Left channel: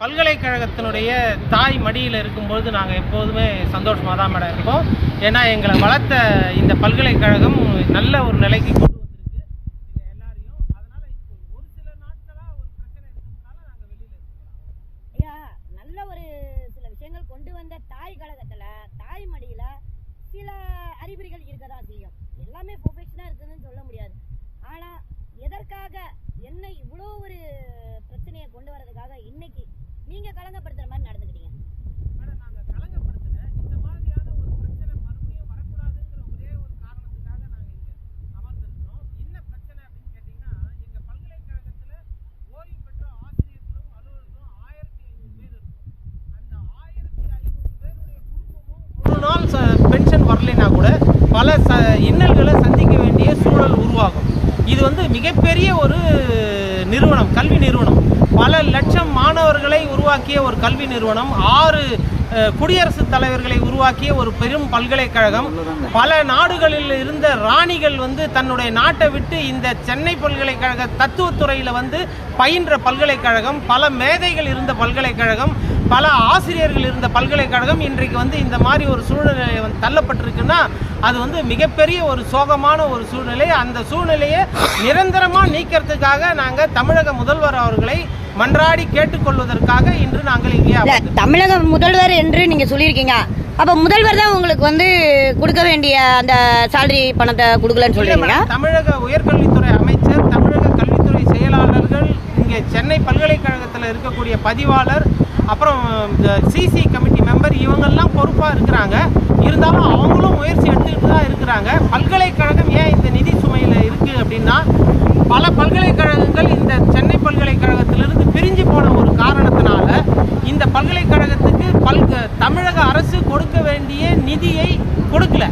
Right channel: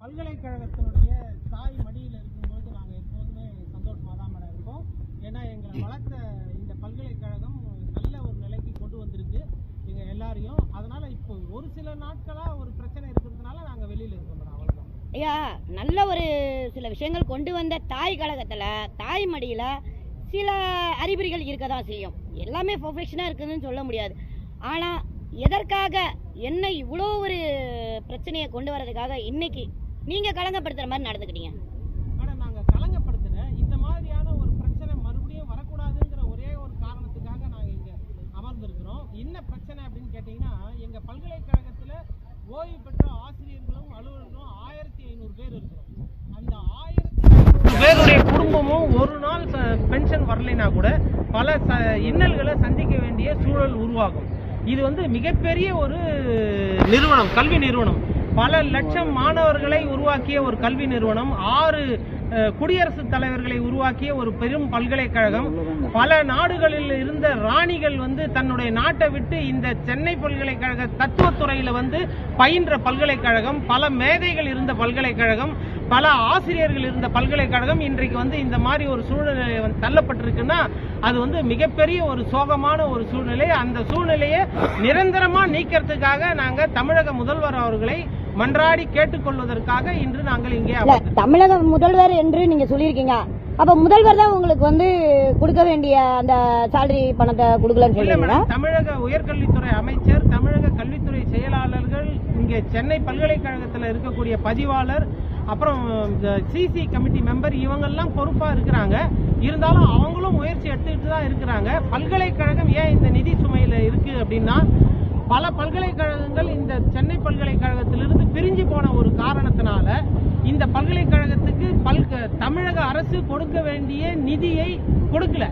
பல்கலைக்கழகத்தினுடைய தாய் மடியில் இருக்கும்போது நாங்கள் எப்போதுமே சந்தோஷமாக தான் மேடம் இருப்போம். ஏன்னா எங்களை வளர்த்த இந்த பல்கலைக்கழகம் நல்ல ஒரு நிலைக்கு கொண்டு வந்திருக்கு எங்கள் எல்லாரையும். அதனால் இப்போ ஒரு சில நாட்களாக ஒரு பிரச்சனை இருக்கிறதுனால நாங்கள் வெளியில் இருக்கோம் மேடம். அவ்வளோதான் ஐயா. நல்ல ஒரு சில விஷயங்கள் கொண்டு வந்த தாய் கழகத்தில் தாய் மடியில் சில அறிகுறிகள் இருக்க தான் செய்யும். எல்லாமே பர்ஃபெக்ஷனாக இருக்குதுன்னு சொல்ல முடியாது. ஆனால் எதற்காக என்ன இவ்வளோ ஒரு பிரச்சனையை கொண்டு வரதுக்காக இன்னைக்கு நீங்கள் கலங்கப்படுத்துகிற மாதிரி நடந்துக்கிட்டீங்க மேடம்? நாங்கள் கலங்கப்படுத்தின இந்த மாதிரியான ஒரு பிரச்சனை மறுபடியும் வரக்கூடாதுங்கிற ஒரே ஒரு காரணத்துக்காக நாங்கள் இங்கே அமர்ந்திருக்கிறோம். என்ன பிரச்சனை அப்படின்னு கேட்டிங்கன்னா, எங்கள் பல்கலைக்கழகத்தில் ஓய்வு பெற்ற ஆசிரியர்களும் அலுவலர்களும் 1500 பேர் இருக்கிறோம். அந்த 1500 பேருடைய குடும்பமும் ஒரு நாள் பென்ஷன் வரலைன்னா கூட பல இன்னல்களை சந்திக்க வேண்டிய சூழல் உருவாகும். இது வந்து மிகப்பெரிய ஒரு நிறுவனம், கல்வி நிறுவனம். பல லட்சம் மாணவர்களை உருவாக்கிய ஒரு கல்வி நிறுவனம், 6 குடியரசுத் தலைவர்களை உருவாக்கிய ஒரு பெரும் பல்கலைக்கழகம். பல நாடுகளில் இருந்த ராணிகள் வந்து தன்னுடைய நாட்டை விட்டு இந்த சென்னை பல்கலைக்கழக தத்துவத்துறையில் வந்து பயின்ற பல்கலைக்கழகம். பல மேதைகள் இருந்த பல்கலைக்கழகம், பல ஆசிரியர்கள் இருந்த பல்கலைக்கழகம் இன்றைக்கு வந்து இந்த மாதிரி ஒரு சூழ்நிலை தள்ளப்பட்டிருக்குன்னா அது வந்து மிகப்பெரிய ஒரு சோகமான ஒரு சூழ்நிலை. அந்த சூழ்நிலையை நிரந்தரமாக நீக்கிறதுக்காக நாங்கள் தமிழக முதல்வர் அவர்களை மன்றாடி கேட்டுக்கொள்வதற்காக இன்று நாங்கள் இங்கே தமிழக முதல்வர் என்று நீங்கள் சொல்லியிருக்கீங்க. அப்போ முதல்வர் தான் உங்களுக்கு வந்து கொடுக்க வேண்டிய அந்த சேலரி பணத்தை கொடுக்கலன்னு சொல்றீங்க. தமிழக உயர்கல்வித்துறை அமைச்சர், தமிழக கல்வித்துறை செயலாளர்கள், இங்கே சென்னை பல்கலைக்கழகத்தில் இருக்கக்கூடிய பதிவாளர், அப்புறம் சிசி கமிட்டி மெம்பர், இவங்கெல்லாம் பொறுப்பாக இருக்கிறாங்க. இருந்தாலும் அவங்களும் முயற்சி எடுத்துக்கிட்டு தான் இருக்கிறாங்க. பல்கலைக்கழகம் ஏன் இந்த நிதி சுமையில் இருக்குது அப்படின்னா, பல பல்கலைக்கழகங்கள் இந்த சென்னை பல்கலைக்கழகத்திலிருந்து பிரிஞ்சு போன ஒரு காரணத்தினால இந்த பல்கலைக்கழகத்துக்கு தமிழக அரசு கொடுக்க வேண்டிய நிதியை கொடுக்கல.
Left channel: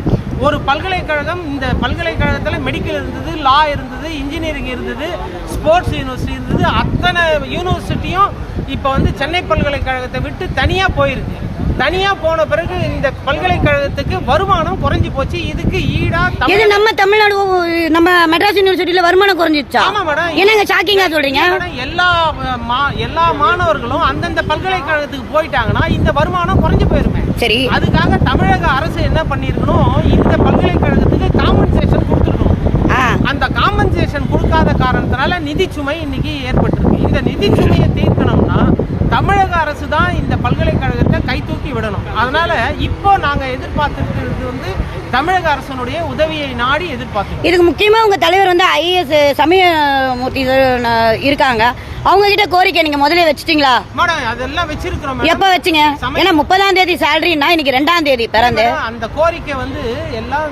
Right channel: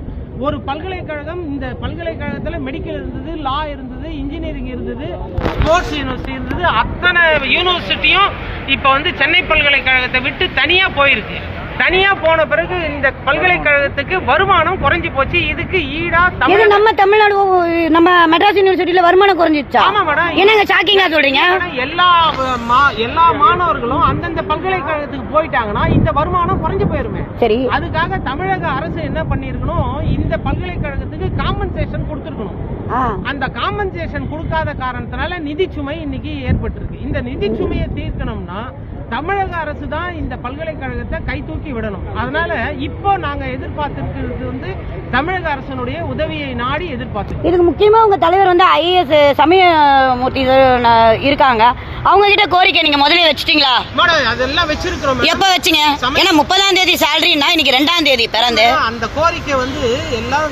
ஒரு பல்கலைக்கழகம், இந்த பல்கலைக்கழகத்தில் மெடிக்கல் இருந்தது, லா இருந்தது, இன்ஜினியரிங் இருந்தது, ஸ்போர்ட்ஸ் யூனிவர்சிட்டி இருந்தது. அத்தனை யூனிவர்சிட்டியும் இப்போ வந்து சென்னை பல்கலைக்கழகத்தை விட்டு தனியாக போயிருக்கு. தனியாக போன பிறகு இந்த பல்கலைக்கழகத்துக்கு வருமானம் குறைஞ்சி போச்சு. இதுக்கு ஈடா நம்ம தமிழ்நாடு, நம்ம மெட்ராஸ் யூனிவர்சிட்டியில் வருமானம் குறைஞ்சிச்சா? ஆமா மேடம். என்னங்க ஷாக்கிங்கா சொல்றீங்க? எல்லா மாணவர்களும் அந்தந்த பல்கலைக்கழகத்துக்கு போயிட்டாங்கன்னா இந்த வருமானம் குறைஞ்சு போயிருமே. சரி, அதுக்காக தமிழக அரசு என்ன பண்ணிருக்கணும், இந்த பல்கலைக்கழகத்துக்கு காம்பன்சேஷன் கொடுத்துருக்கணும். அந்த காம்பன்சேஷன் கொடுக்காத காரணத்தினால நிதி சுமை இன்னைக்கு ஏற்பட்டிருக்கு. இந்த நிதி சுமையை தீர்க்கணும்னா தமிழக அரசு தான் இந்த பல்கலைக்கழகத்தை கை தூக்கி விடணும். அதனால இப்போ நாங்கள் எதிர்பார்த்துருக்கிறது வந்து தமிழக அரசனுடைய உதவியை நாடி எதிர்பார்த்து. இதுக்கு முக்கியமா உங்க தலைவர் வந்து IAS சமயமூர்த்தி இருக்காங்க. அவங்க கிட்ட கோரிக்கை நீங்க முதல்ல வச்சுட்டீங்களா? மேடம், அதெல்லாம் வச்சிருக்கிறோம். எப்ப வச்சீங்க? ஏன்னா 30ஆம் தேதி சேலரினா இன்னைக்கு 2ஆம் தேதி பிறந்து. அந்த கோரிக்கை வந்து எல்லாம்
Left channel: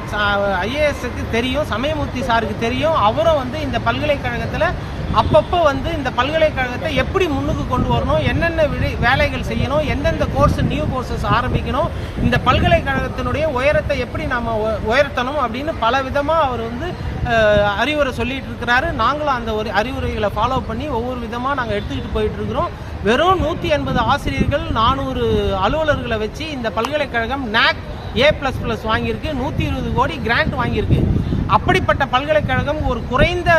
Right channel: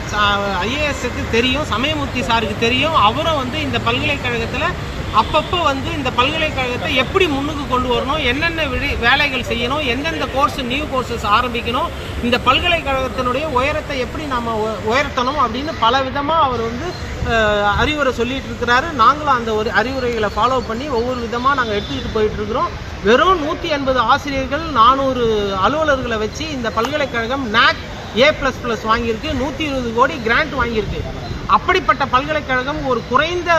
IASக்கு தெரியும், சமயமூர்த்தி சாருக்கு தெரியும். அவரும் வந்து இந்த பல்கலைக்கழகத்துல அப்பப்போ வந்து இந்த பல்கலைக்கழகத்தை எப்படி முன்னுக்கு கொண்டு வரணும், என்னென்ன வேலைகள் செய்யணும், எந்தெந்த கோர்ஸ், நியூ கோர்சஸ் ஆரம்பிக்கணும், இந்த பல்கலைக்கழகத்தினுடைய உயரத்தை எப்படி நம்ம உயர்த்தணும் அப்படின்னு பல விதமாக அவர் வந்து அறிவுரை சொல்லிட்டு இருக்கிறாரு. நாங்களும் அந்த ஒரு அறிவுரைகளை ஃபாலோ பண்ணி ஒவ்வொரு விதமாக நாங்கள் எடுத்துக்கிட்டு போயிட்டு இருக்கிறோம். வெறும் 180 ஆசிரியர்கள், 400 அலுவலர்களை வச்சு இந்த பல்கலைக்கழகம் NAC A++ வாங்கியிருக்கு, 120 கோடி கிராண்ட் வாங்கியிருக்கு. அப்படிப்பட்ட பல்கலைக்கழகம் ஒரு குறைந்த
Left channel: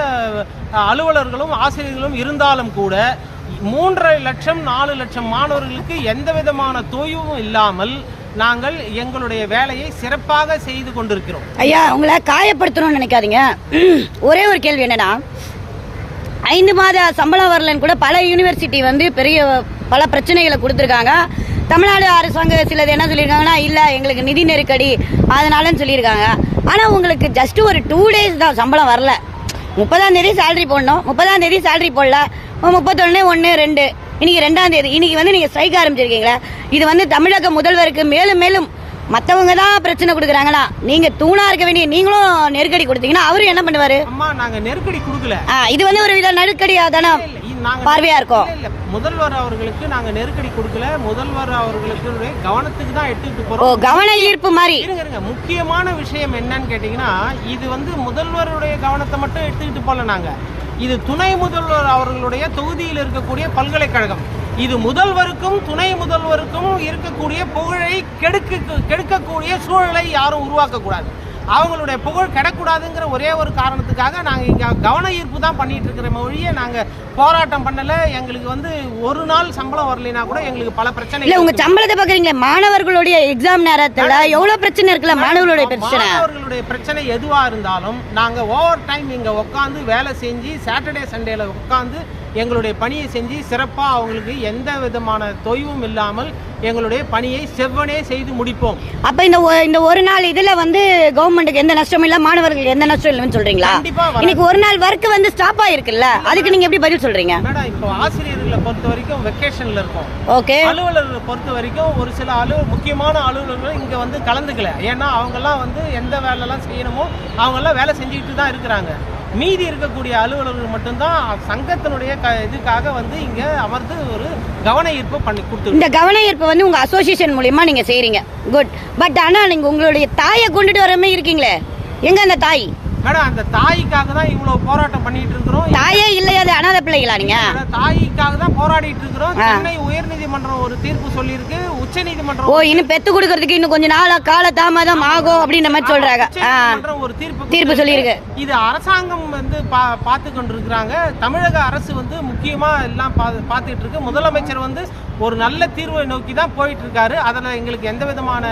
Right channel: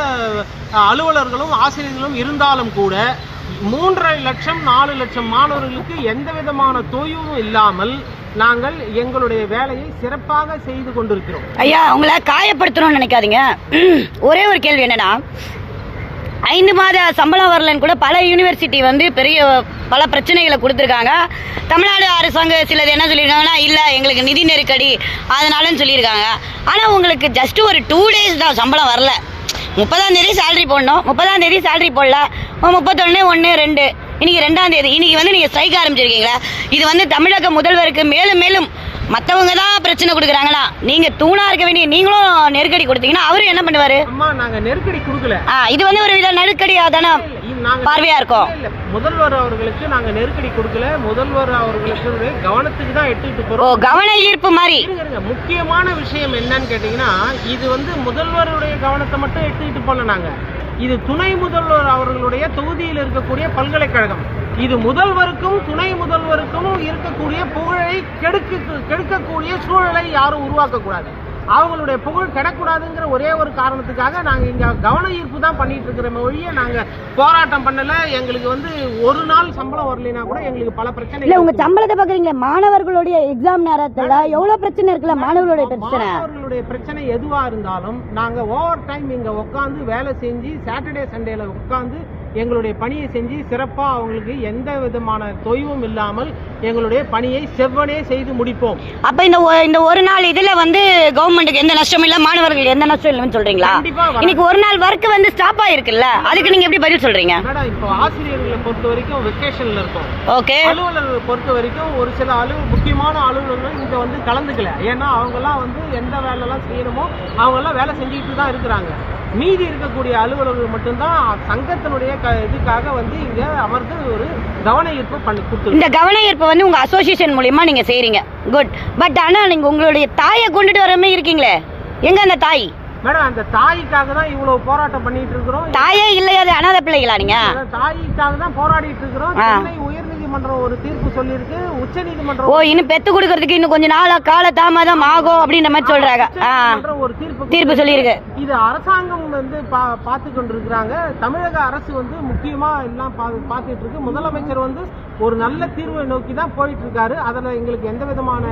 அலுவலர்களும் ஆசிரியர்களும் இருந்தாலும் கூட 3.5 லட்சம் 4 லட்சம் மாணவர்களுக்கு எந்த விதமான தொய்வும் இல்லாமல் நாங்கள் எங்களுடைய வேலையை சிறப்பாக செய்து கொண்டிருக்கிறோம். ஐயா, உங்களை காயப்படுத்தணும்னு நினைக்காதீங்க. ஒரே ஒரு கேள்வி என்னன்னா, 5 மாத சம்பளம் வரலன்னு கூட பல யூனிவர்சிட்டி வந்து பல பிரச்சனைகளை கொடுத்துருக்காங்க. தமிழ்நாடு அரசாங்கம் சிலது என்ன சொல்லியிருக்காங்கன்னா, இல்லை எங்களுக்கு நிதி நெருக்கடி அதனாலன்னு சொல்லியிருக்காங்க. ஆனால் உங்களுக்கு ஜஸ்ட் ஒரு 2 days தான் சம்பளம் வரல. 30ஆம் தேதி சேலரி போடணும், 30ஆம் தேதி சேலரி போடல, 31, 1, 2 இன்னைக்கு 2ஆம் தேதி. இன்னைக்கு வந்து நீங்கள் ஸ்ட்ரைக் ஆரம்பிச்சிருக்கீங்களா? இது வந்து தமிழக முதல்வருக்கு மேலும் மேலும் மற்றவங்க தான் பிரச்சனை கொடுக்குறாங்களா? நீங்க தூணா இருக்க வேண்டிய நீங்களும் நெருக்கடி கொடுத்தீங்கன்னா அவரு என்ன பண்ணுவாரு? அம்மா, நாங்க நெருக்கடி கொடுக்கல. இது வந்து ஒரு வித நெருக்கடியா தானே பார்வையா இருக்கும். முதல்வர் அவர்களுக்கு நாங்க நெருக்கடி கொடுக்கல. முதல்வர் அவர்களுக்கு கவனத்துக்கு தான் எடுத்துக்கிட்டு போறோம். கவன ஈர்ப்பு மாதிரி. முக்கியமான விஷயம் என்னன்னு கேட்டீங்கன்னா, இது வந்து முதல்வருடைய கவனத்தை மட்டும் எடுத்துக்கிட்டு போல. நாங்க இது துணை முதல்வர் அவர்களுடைய தொகுதியில் இருக்கக்கூடிய பல்கலைக்கழகம். இது முதல்வருக்கும் துணை முதல்வருக்கும் இருக்கக்கூடிய புகழை கெடுக்கக்கூடிய சூழலை யாரும் உருவாக்க கூடாது. அவங்களுடைய புகழ் கிடக்கூடாதுங்கிற ஒரே ஒரு காரணத்துக்காக நாங்கள் இங்கே கவன ஈர்ப்பு தான் பண்ணிட்டு இருக்கிற மொழியை நாங்கள் போராட்டம் பண்ணல. எங்களுக்கு வந்து ஒரு நாள் சம்பளம் வரலைன்னா கூட எங்களுக்கு பல பிரச்சனை இல்ல. உங்க சம்பளத்தை பாக்குறீங்களா? மாணவர்களுடைய எக்ஸாம் நேரத்துல எவ்வளவு பிரச்சனை இருக்குல்ல. மாணவர்களுடைய பிரச்சனை எதுவா இருந்தாலும் நாங்க ஓவர் டைம் இங்க உட்காந்து வேலை செஞ்சு சாட்டர்டே சண்டேல உட்காந்து எங்களுடைய பணியை செஞ்சு சிறப்பா அவங்களுக்கு எந்த விதமான தொய்வும் இல்லாமல் எங்களுடைய பணியை செவ்வனே செய்து முடிப்போம். அப்ப இந்த ஒரு நாள் இதுல வந்து கவர்மெண்ட்டுக்கு எந்த நஷ்டமும் இல்ல, மாணவர்களுக்கு எந்த நஷ்டம் இல்லைன்னு சொல்றீங்களா? இன்னைக்கு ஒரு நாள் ஒர்க் வந்து ஸ்டாப் ஆயிருக்குல்ல, அதுக்கு நீங்க எப்படி பதில் சொல்றீங்க? இப்போ ஆசிரியர்களை பொறுத்த வரைக்கும் வெக்கேஷன்ல இருக்கும். ஓகே. அலுவலர்களை பொறுத்த வரைக்கும் ஒரு சில முக்கியமான அலுவலர்கள் இங்க வந்து கலந்துக்கல. ஏன்னா அவங்க எல்லாம் வந்து எந்த வேலை எல்லாம் செய்யணுமோ அவங்க எல்லாம் வேலை செஞ்சுட்டு தான் இருக்கிறாங்க. மீதி இருக்கக்கூடிய அலுவலர்கள் மட்டும்தான் சங்கத்தினுடைய இதுக்காக வந்து இங்க அமர்ந்து ஒரு கவன ஈர்ப்பு பண்ணி கொடுத்து. இந்த கவன ஈர்ப்பு வந்து உங்க அசோசியேஷன் மூலமா நீங்க செய்றீங்க. குட். பட் ஆனா நீங்க உங்களுடைய தாயை கொண்டுட்டு வரமே இருக்கீங்களே, எங்க அந்த தாய்? மேடம், அந்த தாய்க்காக தான் இவ்வளவு போராட்டம் பண்ணிட்டு இருக்கிறோம். தாயே இல்லையா? அது அனாதை பிள்ளைகளா? நீங்க தாய்க்காக தான் போராடிட்டு இருக்கிறோம். சென்னை உயர்நீதிமன்றம் ஒரு தீர்ப்பு சொல்லியிருக்கு. உச்ச நீதிமன்றம் இன்னும் பெத்து கொடுக்கறதுக்கு இன்னும் கொஞ்ச நாள் கால தாமதம் ஆகும் அப்படின்ற மாதிரி சொல்றாங்க. ஒரு தீர்ப்பு சொல்லியிருக்கு. இது அரசாங்கம் வந்து பார்த்து கொண்டு இருக்கிறாங்க. தமிழக அரசு வந்து முக்கியமா எல்லாம் பார்த்துட்டு இருக்கு. முதலமைச்சர் வந்து ஒரு நல்ல தீர்வை நோக்கி தான் போயிட்டு இருக்காரு. அதுல எங்களுக்கு எந்த விதமான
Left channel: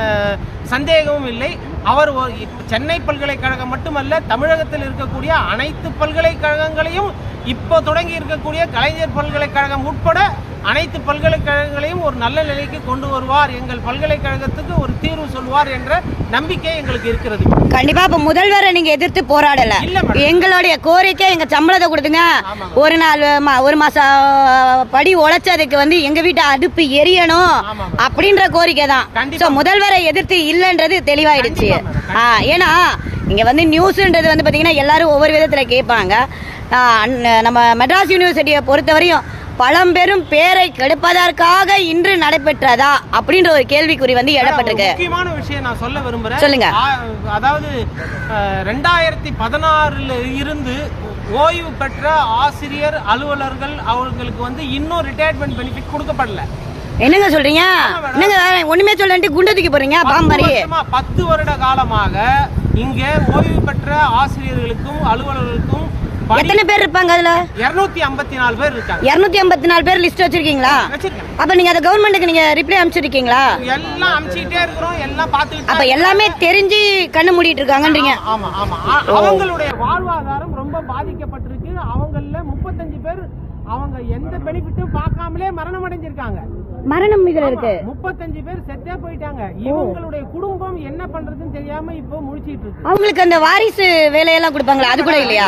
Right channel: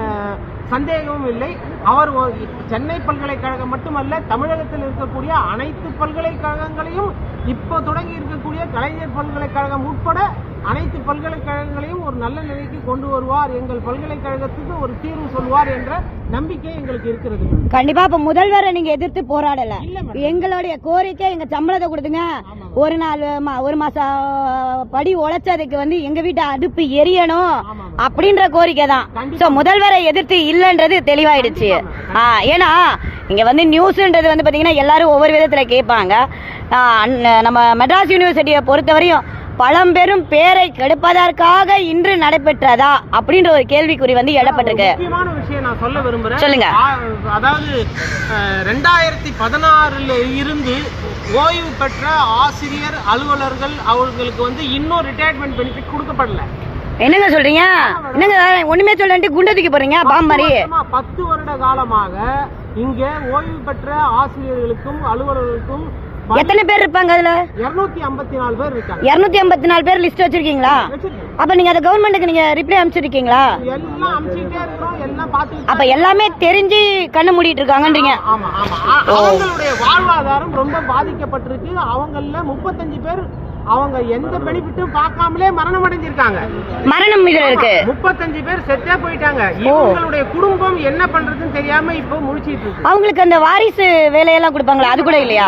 சந்தேகமும் இல்லை. அவர் சென்னை பல்கலைக்கழகம் மட்டுமல்ல, தமிழகத்தில் இருக்கக்கூடிய அனைத்து பல்கலைக்கழகங்களையும் இப்போ தொடங்கி இருக்கக்கூடிய கலைஞர் பல்கலைக்கழகம் உட்பட அனைத்து பல்கலைக்கழகங்களையும் ஒரு நல்ல நிலைக்கு கொண்டு வருவார், எங்கள் பல்கலைக்கழகத்துக்கு ஒரு தீர்வு சொல்வார் என்ற நம்பிக்கை எங்களுக்கு இருக்கிறது. கண்டிப்பா. இப்ப முதல்வரை நீங்க எதிர்த்து போராடல. எங்களுடைய கோரிக்கை எங்க சம்பளத்தை கொடுத்துங்க, ஒரு நாள் ஒரு மாசம் படி உழைச்சதுக்கு வந்து எங்க வீட்டு அடுப்பு எரியணும் அப்படின்ற கோரிக்கை தான். முதல்வரை எதிர்த்து இல்லைன்றது தெளிவாயிடுச்சு. ஏன்னா இங்க வந்து நியூஸ்ன்றது வந்து பாத்தீங்கன்னா எல்லாரும் ஒவ்வொரு விதத்துல கேட்பாங்க. நம்ம மெட்ராஸ் யூனிவர்சிட்டியை பொறுத்தவரையும் பழம்பெரும் பேரை கெடுப்பதற்காக இன்று நடைபெற்றதா அப்படின்ற ஒரு கேள்விக்குறி வந்து எழப்பட்டிருக்கு. முக்கியமான விஷயம் நான் சொல்ல விரும்புறேன். சொல்லுங்க. அதாவது 2016 இருந்து ஓய்வு பெற்ற ஆசிரியர் அலுவலர்கள் அவர்களுக்கு வந்து இன்னும் ரிட்டையர்மெண்ட் பெனிஃபிட் கொடுக்கப்படல. என்னங்க சொல்றீங்க? என்னங்க ஒண்ணுமே சொல்லிட்டு குண்டத்துக்கு போறீங்க பாம்பரி? 10 வருட காலமாக இங்க ஓய்வு பெற்ற ஆசிரியர்களுக்கும் அலுவலர்களுக்கும் எத்தனை பேர் இருப்பாங்க? அதுல 254 பேர் இருக்காங்க. 254 பேர் லிஸ்ட் வச்சிருக்கீங்களா? அப்ப நீங்க அந்த கவர்மெண்ட்டுக்கு நீங்க ரிப்ளை அனுப்பிச்சிருக்கீங்களா? எல்லாம் அனுப்பிச்சிட்டே இருக்கோம், எல்லாம் பார்த்துட்டு. அப்ப எல்லாமே தெரிஞ்சு கண்ணு மூடிட்டு இருக்காங்கன்றீங்க? ஆமா ஆமா. அவங்களுடைய வாழ்வாதாரம் ரொம்ப பாதிக்கப்பட்டிருக்கு. அவங்கள 35 பேர் அவங்க எந்த பெனிஃபிட்டும் பார்க்காமலே மரணம் அடைஞ்சிருக்காங்க. மரணம் இதுல இருக்கு. 35 பேர் செத்தே போயிட்டாங்க. இவங்களுடைய குடும்பம் என்ன பண்றதுன்னு தெரியாம இப்போ முழிச்சிட்டு இருக்கு. அவங்களுக்கு அந்த வாரிசு வேலையெல்லாம் கொடுப்பாங்களா? அது கூட இல்லையா?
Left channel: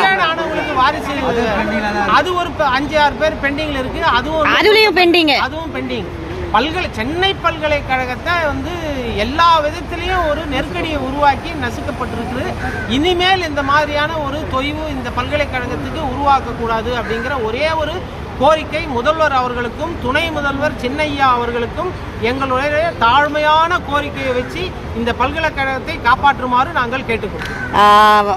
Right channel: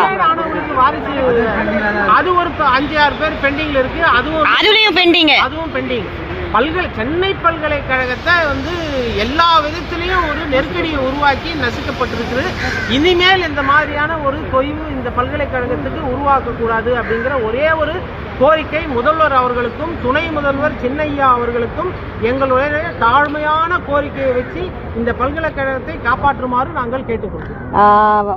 வாரிசு அது ஒரு 5-6 பேர் பெண்டிங்ல இருக்கு. அதுவும் பெண்டிங். சென்னை பல்கலைக்கழகத்தை வந்து எல்லா விதத்திலையும் ஒரு நெருக்கடியை உருவாக்கி நசுக்கப்பட்டிருக்குது. இனிமேல் இந்த மாதிரியான ஒரு தொய்வு இந்த பல்கலைக்கழகத்துக்கு உருவாக்கக்கூடாது அப்படிங்கிற ஒரே ஒரு கோரிக்கை முதல்வர் அவர்களுக்கும் துணை முதல்வர் சின்னையா அவர்களுக்கும் எங்களுடைய தாழ்மையான கோரிக்கையை வச்சு இந்த பல்கலைக்கழகத்தை காப்பாற்றுமாறு நாங்கள் கேட்டுக்கொள்கிறோம்.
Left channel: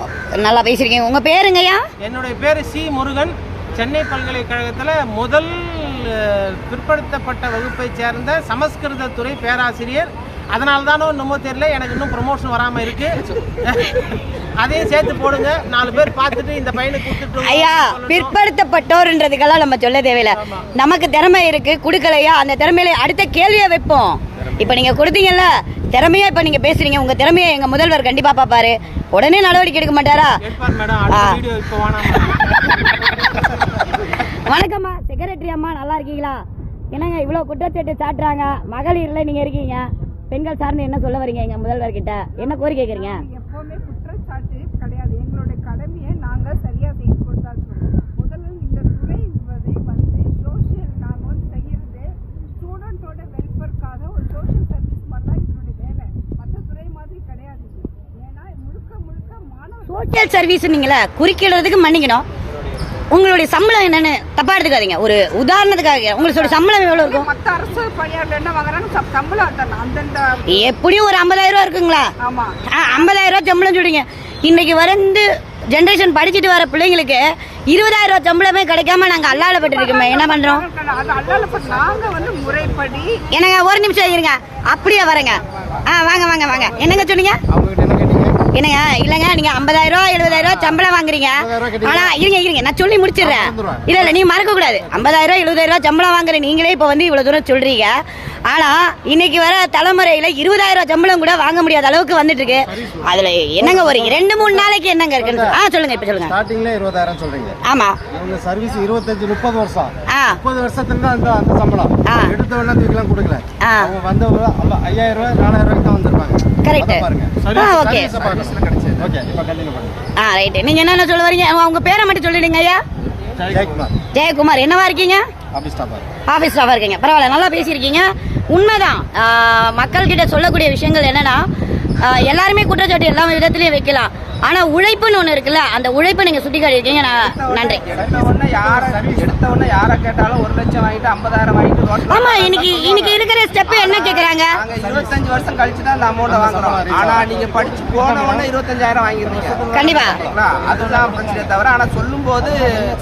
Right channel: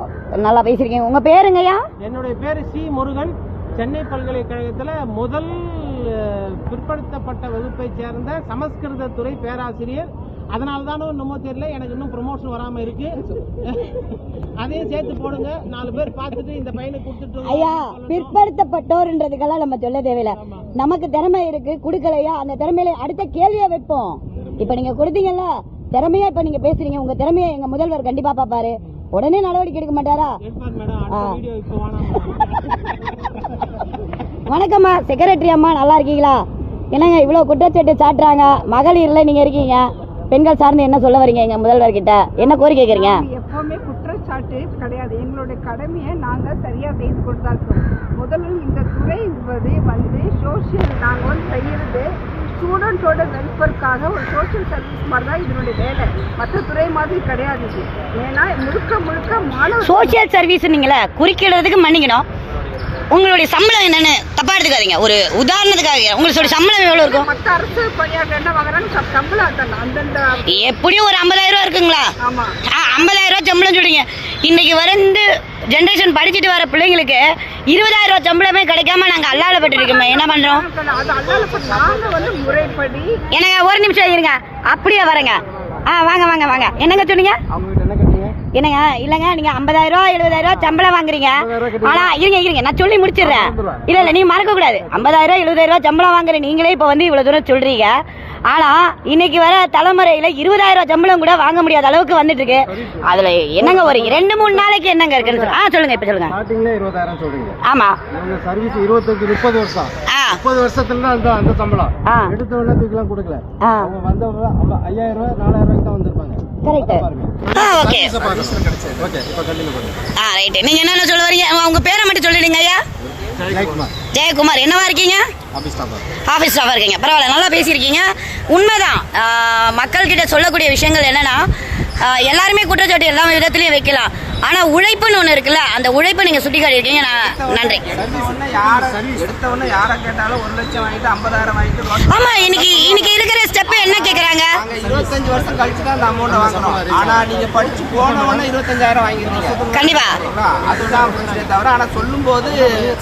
நல்லா பேசிருக்கீங்க. உங்க பேருங்கய்யா? என்னுடைய பேரு சி முருகன். சென்னை பல்கலைக்கழகத்தில் முதல் பிற்படுத்தப்பட்ட வகுப்பை சேர்ந்த சமஸ்கிருத துறை பேராசிரியர். அதனால தானோ என்னமோ தெரியல, எனக்கு இன்னும் ப்ரமோஷன் வராம இருக்கு. அதையும் சேர்த்து போடுங்க, 4 பேர் பார்த்துட்டு இந்த பையனை கொடுத்துட்டு. ஐயா, பிற்படுத்தப்பட்டோர்ன்றதுக்கெல்லாம் நம்ம சொல்ல தேவையில்லை. நமக்கு திறமை இருக்கு, கொடுக்கலையா? அந்த திறமையில அடுத்த கேள்வியை வைப்போம். இப்ப நீங்க கொடுத்தீங்கல்ல திறமையா, இப்ப நீங்க பேசுறீங்க, உங்க திறமையை எங்க முதல்வர் கண்டிப்பா பாப்பாரு. உடனே நடவடிக்கை எடுக்க மாட்டாரா? வணக்கம்மா, செக்ரட்டரி அம்மா, நல்லா இருக்கீங்களா? என்னங்க இவ்வளவு குற்றச்சாட்டு சாட்டுறாங்க? மகளிர்ல நீங்க இருக்கீங்க, பெண்கள் சார்ந்து என்ன சொல்ல வரீங்க எங்க முதல்வர் கிட்ட? என்ன கோரிக்கை கேக்குறீங்க? எப்பவுமே குற்றச்சாட்டு கிடையாது. எங்களுடைய கடமையை நாங்க சரியா செய்து கொடுத்தாச்சு. முதல்ல இந்த துறை வந்து சோசியல் நாங்க வந்து செய்யறது ஸ்டூடெண்ட்டோட வெல்ஃபேருக்காக ஒரு சோசியல் சர்வீஸ் மாதிரி தான் இதனுடைய வேலை. மற்ற துறை மாதிரி கிடையாது. ஏன்னா முழுக்க மாணவ சோசியல் சர்வீஸ் நீங்களே குறிக்கிறதுக்கு மன்னிக்கணும். உங்களுடைய சம்பளம் என்னன்னு தப்பா எடுத்துக்காதீங்க. ஒரு உதாரணத்துக்காக உங்களுடைய சம்பளம் எவ்வளவு இருக்கும்? மற்ற அரசு பணியாளர்கள் என்ன வாங்குறாங்க சம்பளம் அந்தந்த எப்படியும் ஒரு 50,000 ரூபா இருக்குங்களா? ஆமா, 50,000 ரூபா சம்பளம் சொல்றீங்க. இன்னைக்கு வந்து ஜெனரேஷன் படிச்சுட்டு வர பிள்ளைங்களுக்கு 20,000 ரூபா சம்பளமே கிடைக்காம நாங்க அல்லாலப்பட்டு இருக்கோமே, என்ன பண்றோம்? நாங்க வந்து முறைப்படி என்னங்க ஒரு நிமிஷம் இருங்க, அப்படியே வரேங்க. வாங்க வாங்க வாங்க. என்னங்க சொன்னீங்க? என்னங்க இல்லங்க நீங்க 50,000 ரூபா 70,000 ரூபா சம்பளம் வாங்குறீங்க. ஆனா இருங்க நான் சொல்லி முடிச்சிடுறேன். இல்ல நீங்க மறக்க கூடாது. 50,000 70,000 ரூபா சம்பளம் வாங்குற நீங்களே இப்ப வந்து இவ்வளவு தூரம் சொல்றீங்க. ஆனா இன்னைக்கு வர தலைமுறையில 20,000 சம்பளம் கூட வாங்க முடியாத அளவுக்கு வந்துட்டு இருக்கு. அதுல என்னங்க ஒரு 2-3 நாளைக்கு என்னங்க இருக்குன்னு சொல்லுங்க. இப்ப சொல்லுங்க. ஸ்டார்டிங்ல 20,000 சொல்றீங்க. ஆமா அவங்க சர்வீஸ் 25-30 வருஷம் 30 வருஷத்துல அந்த சம்பளம் எடுத்த உடனே தூக்கிலாம் கொடுக்கல. அவங்க வந்தவங்க 5,000 ரூபாய் 4,000 ரூபாய்க்கு தான் வந்திருப்பாங்க. கரெக்ட். ஓகே ஓகே இப்ப கண்டினியூ பண்ணுங்க. ரைட். நீங்க என்னென்ன சொல்ல வரீங்க? உங்க பேரை மட்டும் சொல்லிடுங்க ஐயா. ஜெயக்குமார். என்னவா இருக்கீங்க? ஆஃபீஸ் ஸ்டாஃபாக இருக்கீங்க. பரவாயில்ல, நல்லா பேசியிருக்கீங்க. உண்மைதான். மக்கள்கிட்ட சொல்லக்கூடிய விஷயங்கள் என்னன்னா, எல்லாருமே குற்றச்சாட்டு எல்லா விதத்துலையும் வைக்கலாம். ஆனால் உழைப்புன்னு ஒன்று இருக்குல்ல, அந்த உழைப்பை நீங்கள் சுட்டி காட்டியிருக்கீங்க. நன்றி. ஆமாம், இன்னைக்கு இருக்கிற ஸ்டெப் என்ன கேட்குறாங்க? 25 வருஷம் கழிச்சு தான் அந்த அமௌண்ட்டை வாங்குறோம். ஆனால் நீங்கள் படிச்சு போனவொன்னே 25,000 வாங்கிருந்தீங்க. கண்டிப்பாக அதுதான் பிரச்சனை தவிர, ஆனால் சொல்லும்போது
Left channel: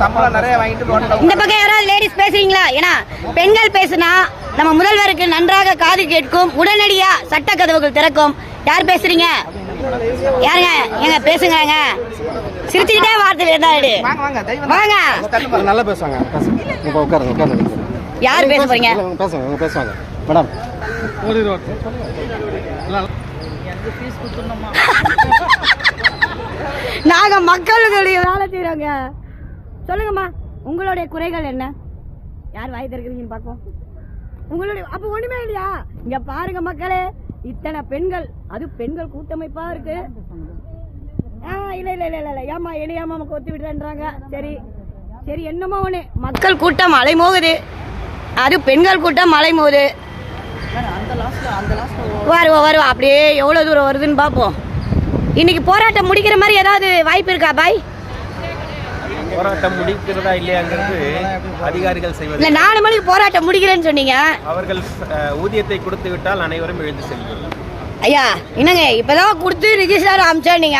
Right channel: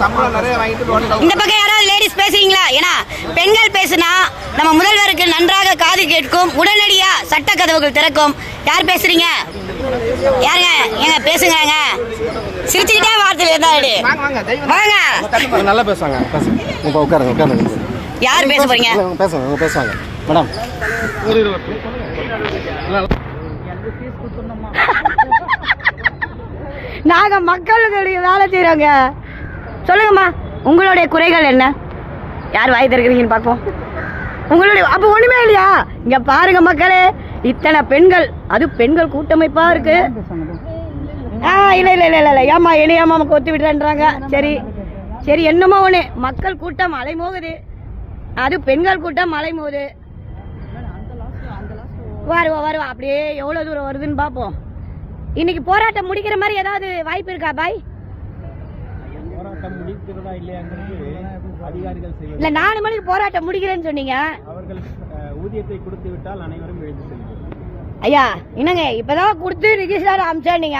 சம்பளம் நிறைய வாங்கிட்டு இந்த பக்கம் யாராவது லேடிஸ் பேசுறீங்களா? ஏன்னா பெண்கள் பேசுனா நம்ம முதல்வருக்கு நன்றாக காது கேட்கும், உடனடியா சட்ட கதவுகள் திறக்கும். யார் பேசுறீங்க? யாருங்க? ஏங்க பேசுங்கிறாங்க. சிரிச்சுக்கிட்டே வார்த்தையில வாங்க. நல்லா பேசுவாங்க. இப்போ உட்காருங்க. யார் பேச போறீங்க? பேசுவாங்க மேடம். நாங்க மக்களுடைய வேலை செய்யறோங்க. சொல்லுங்கம்மா, உங்களுடைய குறைகள் என்ன? யார் வாய் திறக்கிறீங்கன்னு பார்ப்போம். உங்களுடைய அப்போ ஒண்ணுமே இல்லையா? இங்க பாருங்க மக்களே, இத்தனை பெண்கள், அது பெண்கள் கூட்டமைப்பா இருக்கு. இல்ல ஏமா என்னையாமா கொத்து விடுறேன்றாங்க. சரி என்னமோ ஒண்ணு, மக்கள் கூட்டம் அலைமோகுது, அது பெண்கள் கூட்டம் அலைமோகுது. வருவோம் அப்படியே எவ்வளவு தூரம் வருதுன்னு பார்ப்போம். இன்னைக்கு போராட்டம் முடிக்கிற மாதிரி ஏதாவது வாய்ப்பு இருக்கா பாய்? போராட்டம் முடிக்கிறதா இல்லையாங்கிறது அதிகாரிகள் செய்வது. இல்ல 4 மணிக்கு போராட்டம் முடிக்கிறேன்னு சொன்னீங்க. அவர்கள் ஊதியத்தை கொடுத்து விட்டால் அனைவரும் எழுந்து செல்வார்கள். ஐயா என்னங்க இப்பதான் கொடுத்து ரிஜிஸ்டர் அமிச்சானீங்க,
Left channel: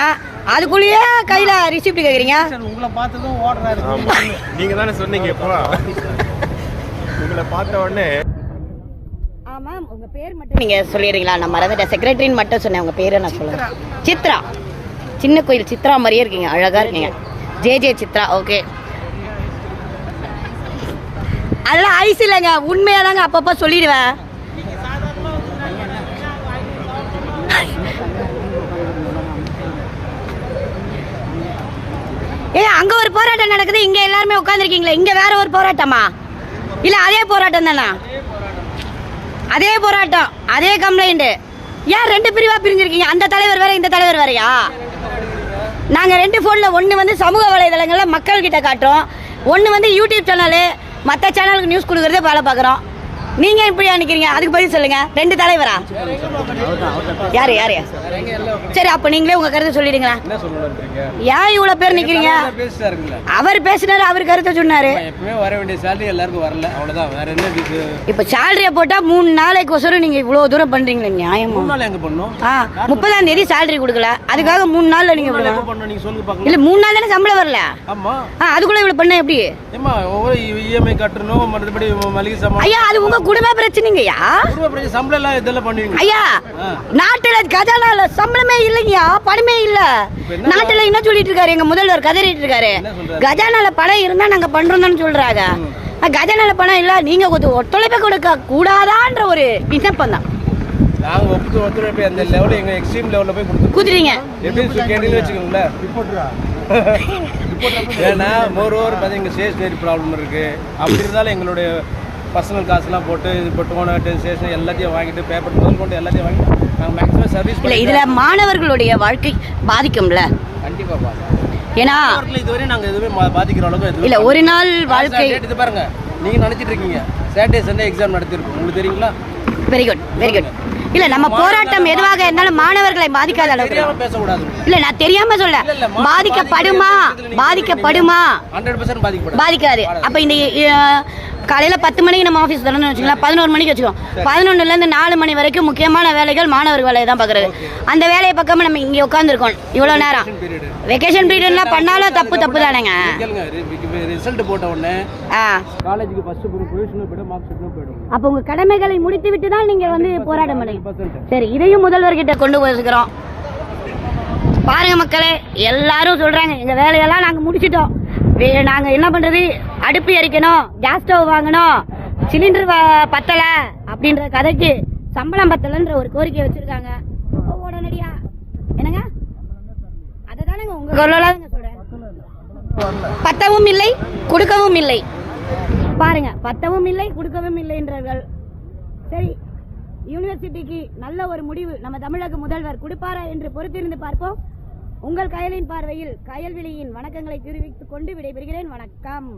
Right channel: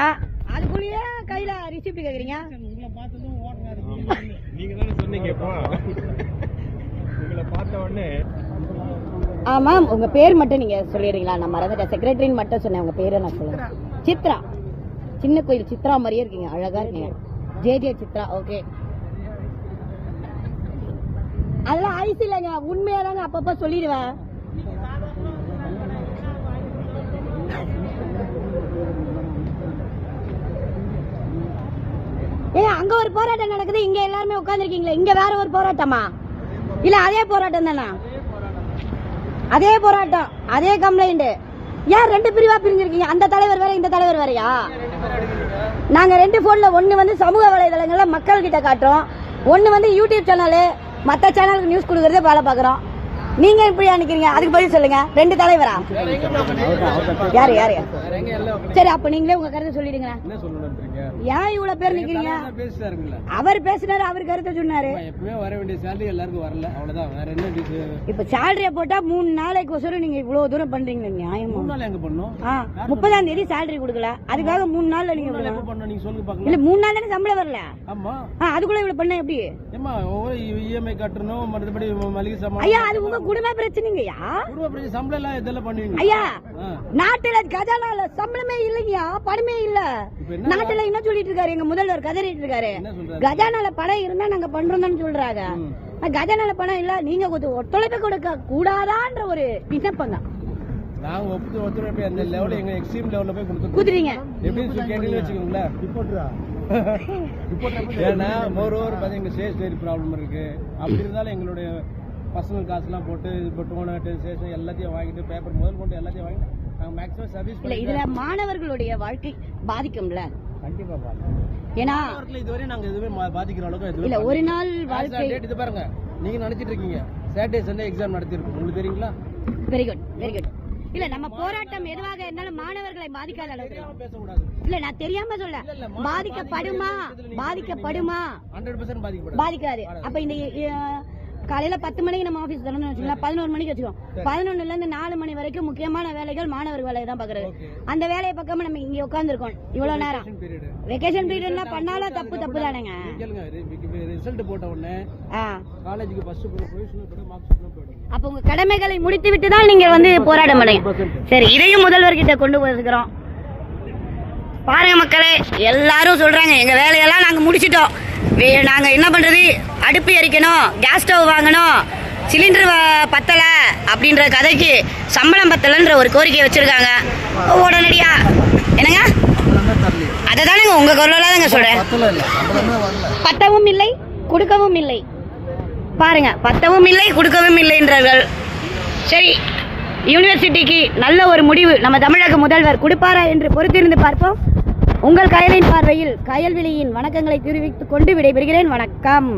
அதுக்குள்ளேயே கையில ரிசிப்ட் கேக்குறீங்க? உங்களை பார்த்ததும் ஓடுறாரு. நீங்க தானே சொன்னீங்க. உங்களை பார்த்த உடனே. ஆமா, உங்க பேர் மட்டும் நீங்க சொல்லிடுறீங்களா? நான் மறந்துட்டேன். செக்ரட்டரின்னு மட்டும் சொன்னேன். உங்க பேரை நான் சொல்லுறேன். சித்ரா. சின்ன கோயில் சித்ரா மாதிரியே இருக்கீங்க, அழகா இருக்கீங்க. ஜே சித்ரா. ஓகே, அதெல்லாம் ஐஸ் இல்லைங்க, உண்மையாதாங்க அப்பப்போ சொல்லிடுவேன். அங்க ஒரு போராட்டம் நடக்குது, இங்க எல்லாருமே உட்காந்துருக்கீங்களா? இங்க வேற ஒரு போராட்டமா? இல்ல அதே போராட்டம் தானா? அதே போராட்டம், அதே கம்ப்ளைண்ட். ஏன் 2 பிரிவா பிரிஞ்சிருக்கீங்க? அந்த தலைவர் வேற, இந்த தலைவர் வேறயா? நாங்க 2 போன்ல, ஒன்னு வந்து சமூக வலைதளங்கள்ல மக்கள் கிட்ட காட்டுறோம், ஒன்னு வந்து யூடியூப் சேனலு, மற்ற சேனலுக்கு நியூஸ் கொடுக்கறதே வேலை பார்க்குறோம். நீங்க இப்படி நினைக்கிறீங்க? அதுக்கு பதில் சொல்லுங்க. 2 தலைவரா? யாரு? சரி, அப்ப நீங்களே உங்க கருத்தை சொல்லிடுங்களா? ஏன் இவ்வளவு பேர் நிக்கிறீங்க? அவர் பேசினாரு, அவர் கருத்தை சொன்னாரு. வர வேண்டிய சேலரி எல்லாருக்கும் வரல, அவ்வளவுதான். வேற என்ன? இப்ப சேலரிய போட்டா 3 நாளைக்கு ஒசரம் நீங்க இவ்வளவு தூரம் பண்றீங்களா? நியாயமா? 3 நாள் எங்க பண்ணோம்? 30ஆம் தேதி சேலரி கொடுக்கல, அதுக்காக 3 நாள்ல நீங்க நீங்க சொல்லுங்க பாக்கலாம். இல்ல 3 நாள் தானே சம்பளம் வரல. ஆமா, அதுக்குள்ள இவ்வளவு பண்ண எப்படி? ஏமா ஒவ்வொரு இஎம்ஐ கட்டணும், மறுபடி மளிகை சாமான். ஐயா, அது உங்க குடும்ப பிரச்சனைங்கய்யா. குடும்ப பிரச்சனை, சம்பளம் எல்லாம் இதெல்லாம் பண்ணுவீங்க ஐயா. நாட்டுல கஜானால சம்பளமே இல்லைங்கயா, பணமே இல்ல. நாட்டுல என்ன சொல்லிட்டு இருக்காரு எங்க முதல்வர்? கதறிட்டு இருக்காரு. கஜானால பணம் இருந்தா நாங்க பண்றோம்னு சொல்றாங்க. கஜானால பணம் இல்ல, நீங்க ஒத்துழைப்பு கொடுக்க கூடாதான்ற ஒரு விண்ணப்பம் தான். நாங்க ஒத்துழைப்பு அந்த லெவல்ல, எங்க எக்ஸ்ட்ரீம் லெவல்ல போய் குடுத்துறீங்க. எப்படி கேட்டீங்கன்னு வச்சுக்கோங்களேன். ஏன்னா மோரோவர் பார்த்தீங்க, ஸ்டேஷனரி ப்ராப்ளம் இருக்கு. அப்படி இருந்தாலும் எங்களுடைய பர்சனல் காசுலாம் போட்டு இது போட்டு ஸ்டேஷன் எல்லாத்தையும் வாங்கிட்டு, பேப்பர் முதல் கொண்டு எல்லாத்தையும் வாங்கிட்டு நாங்கள் மேக்ஸிமம் சர்வீஸ் இல்லை. இதில் மாணவர்களுடைய வாழ்க்கை பாதிக்கும்ல? கண்டிப்பாக பாதிக்கும். ஏன்னா இதுவரை நாங்கள் எதுவுமே பாதிக்கிற அளவுக்கு இல்லை. ஒரு நாள் வாழ்க்கை இது பாருங்க, நீங்கள் நினச்சிட்டு இருக்கீங்க சாட்டர்டே சண்டே எக்ஸாம் நடத்திருக்கோம், உங்களுக்கு தெரியுங்களா? Very good. இல்ல, நம்ம போராட்டம் எதுவாக இருந்தாலும் மாணவர்களை பாதிக்காத அளவுக்கு பேசக்கூடாது. இல்ல, நான் தெரியாம சொல்ல. பாதிக்கப்படுமா? 100% பாதிக்காது. அப்ப இந்த காலையில 10 மணிக்கு நம்ம ஆஃபீஸ் தரணும்னு வச்சுக்கலாம், 11 மணிக்கு வச்சுக்கோம். 11லேருந்து 4 மணி வரைக்கும் முக்கியமான வேலைகள் மாணவர் வேலையை தான் பார்க்குறது. அந்த வேலையை பார்க்காம நம்ம இங்கே உட்காந்துருக்கோம் இவ்வளோ நேரம். வெக்கேஷன் பீரியட்லாம் பண்ணாலும் தப்பு தானேங்க. ரிசல்ட் போட்ட உடனே காலேஜுக்கு ஃபர்ஸ்ட் ப்ரொவிஷனல் போய்டும், மார்க் ஷீட்டும் போய்டும். அப்போ உங்க கடமைகளை முடித்து விட்டு தான் நீங்கள் வந்து போராட மாட்டீங்க. சரி, இதையும் முதல்வர்கிட்ட கொண்டு போயிருக்கிறோம். பாருங்க மக்களே, எல்லாரும் சொல்றாங்க எங்க வேலையெல்லாம் நாங்க முடிச்சிட்டோம், நாங்க என்ன பண்றது, அடுப்பு எரிக்கணும், கேஸ் ஸ்டவ் வாங்கணும், சிலிண்டர் பத்தல அப்படின்ற கதைக்கு சம்பளம் பத்தலைன்ற ஒரு கோரிக்கை வச்சிருக்காங்க. உடனடியா என்னங்க அதை தானேங்க உங்க குரலாக தாங்க சொல்றேன். பத்தவும் இல்லை கொடுக்கவும் இல்லை. பாருங்க, பத்தவும் இல்லை கொடுக்கவும் இல்லைன்றார்கள். சரி, யூனிவர்சிட்டிக்கு நல்ல ஒரு முடிவு நம்ம தமிழக முதல்வர் கொடுப்பாரா என்று பொறுத்திருந்து பார்ப்போம். உங்கள் கயலின் பார்வையில் கயல்விழியின் வணக்கங்களை தெரிவித்துக் கொண்டு விடைபெறுகிறேன். வணக்கம்.